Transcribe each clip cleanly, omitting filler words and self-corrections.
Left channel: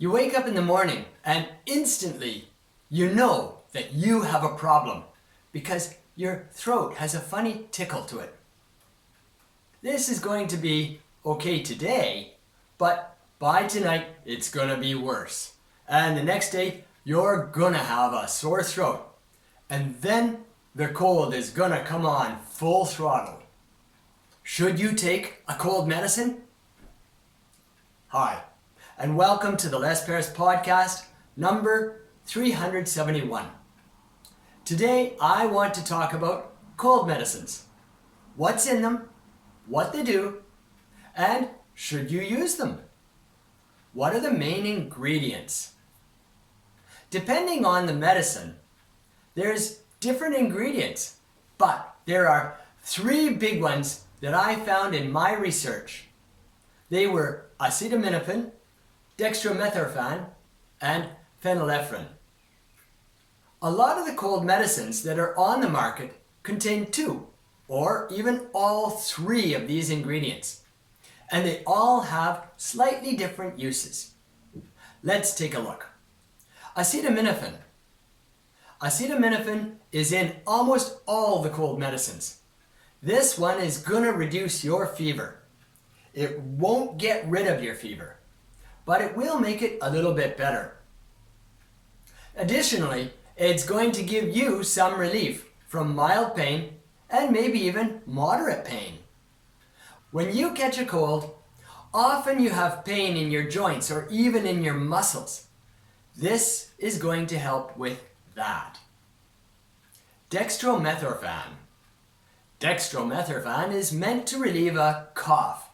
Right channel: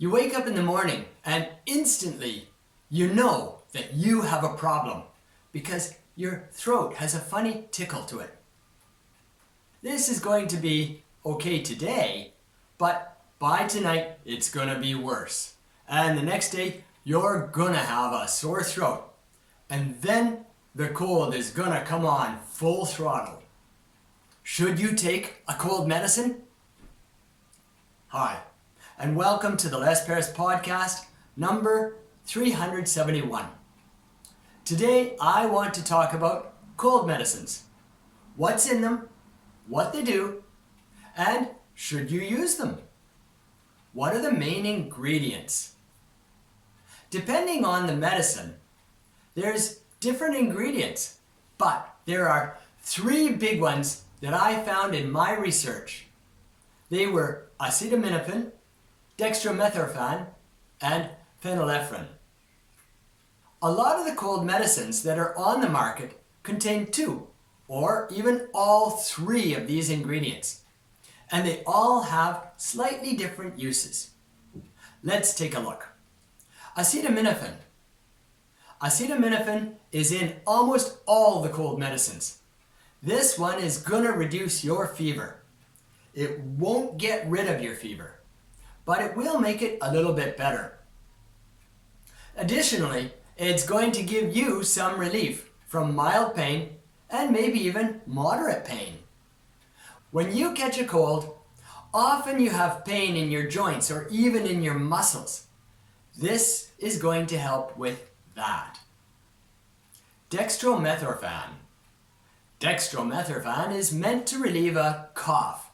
You wake up in the morning and instantly you know that you have a problem because your throat has a funny tickle to it. This is going to be okay today, but by tonight it's gonna be worse. And the next day you're gonna have a sore throat. And then the cold is gonna come on full throttle. Should you take a cold medicine? Hi, and welcome to the Les Paris podcast, number 371. Today I want to talk about cold medicines. What's in them, what they do, and should you use them? What are the main ingredients? Depending on the medicine, there's different ingredients, but there are three big ones that I found in my research. They were acetaminophen, Dextromethorphan, and Phenylephrine. A lot of the cold medicines that are on the market contain two or even all three of these ingredients, and they all have slightly different uses. Let's take a look. Acetaminophen. Acetaminophen is in almost all the cold medicines. This one is gonna reduce your fever. It won't get rid of your fever, but it will make it a little bit better. Additionally, it's going to give you some relief from mild pain and maybe even moderate pain. When you catch a cold, often you have pain in your joints or even in your muscles. This is going to help with that. Dextromethorphan. Dextromethorphan is meant to relieve a cough.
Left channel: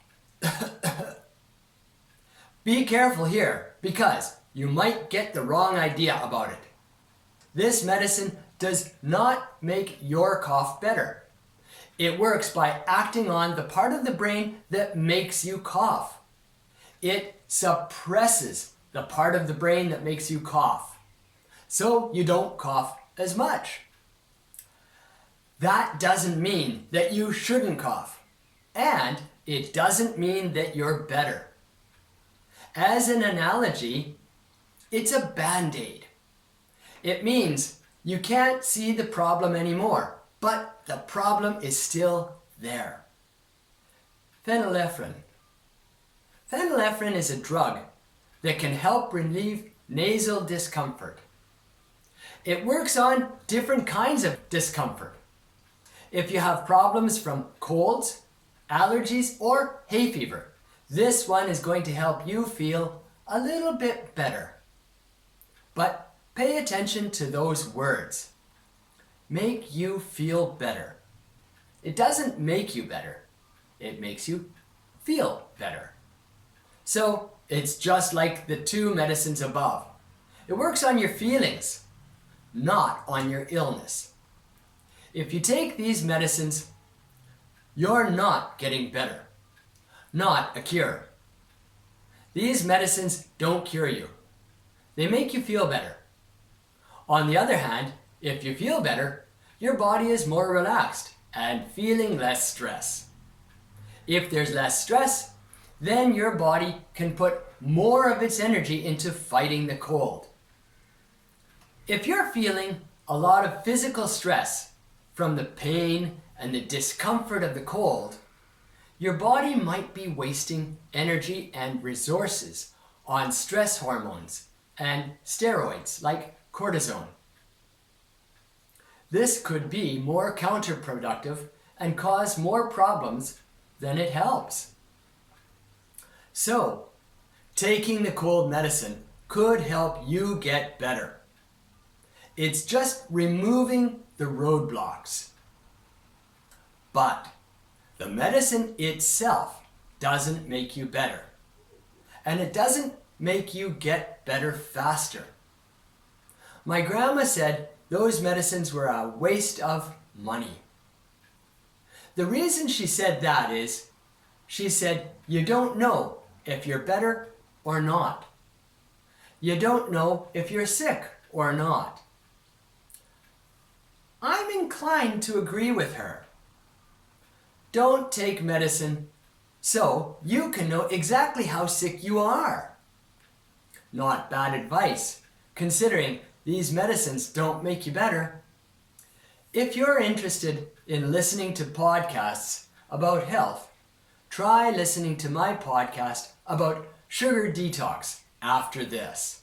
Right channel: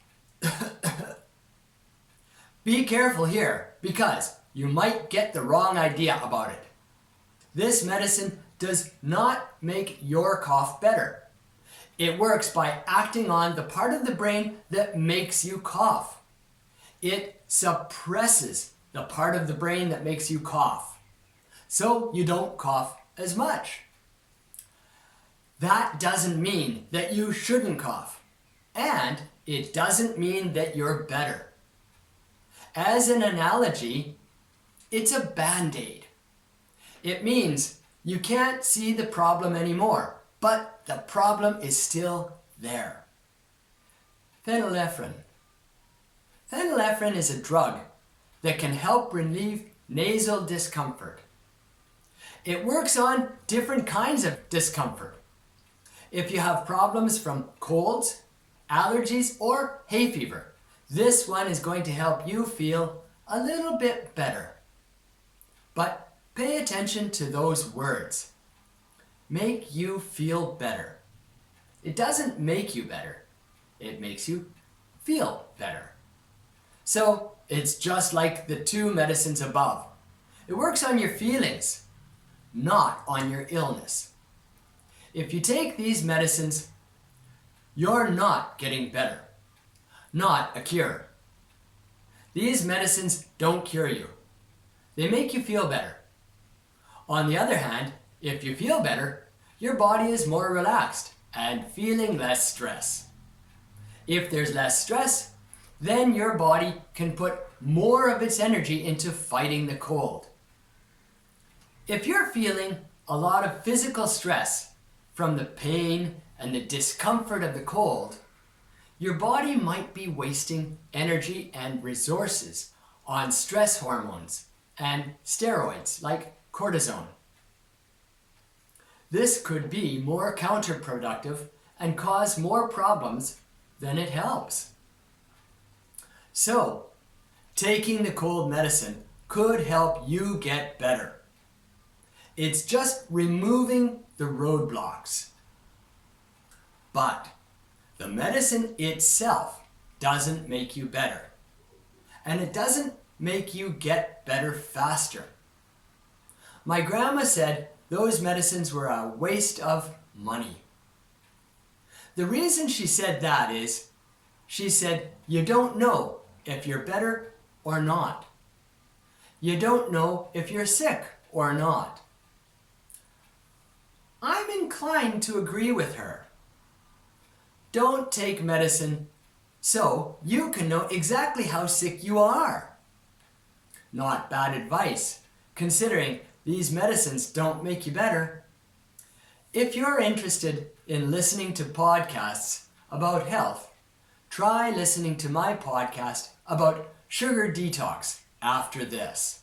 Be careful here because you might get the wrong idea about it. This medicine does not make your cough better. It works by acting on the part of the brain that makes you cough. It suppresses the part of the brain that makes you cough, so you don't cough as much. That doesn't mean that you shouldn't cough, and it doesn't mean that you're better. As an analogy, it's a Band-Aid. It means you can't see the problem anymore, but the problem is still there. Phenylephrine. Phenylephrine is a drug that can help relieve nasal discomfort. It works on different kinds of discomfort. If you have problems from colds, allergies, or hay fever, this one is going to help you feel a little bit better. But pay attention to those words. Make you feel better. It doesn't make you better. It makes you feel better. So it's just like the two medicines above. It works on your feelings, not on your illness. If you take these medicines, you're not getting better, not a cure. These medicines don't cure you. They make you feel better. On the other hand, if you feel better, your body is more relaxed and feeling less stress. If there's less stress, then your body can put more of its energy into fighting the cold. If you're feeling a lot of physical stress from the pain and the discomfort of the cold, your body might be wasting energy and resources on stress hormones and steroids like cortisone. This could be more counterproductive and cause more problems than it helps. So, taking the cold medicine could help you get better. It's just removing the roadblocks. But the medicine itself doesn't make you better. And it doesn't make you get better faster. My grandma said those medicines were a waste of money. The reason she said that is, she said, you don't know if you're better or not. You don't know if you're sick or not. I'm inclined to agree with her. Don't take medicine so you can know exactly how sick you are. not bad advice, considering these medicines don't make you better. If you're interested in listening to podcasts about health, try listening to my podcast about sugar detox after this.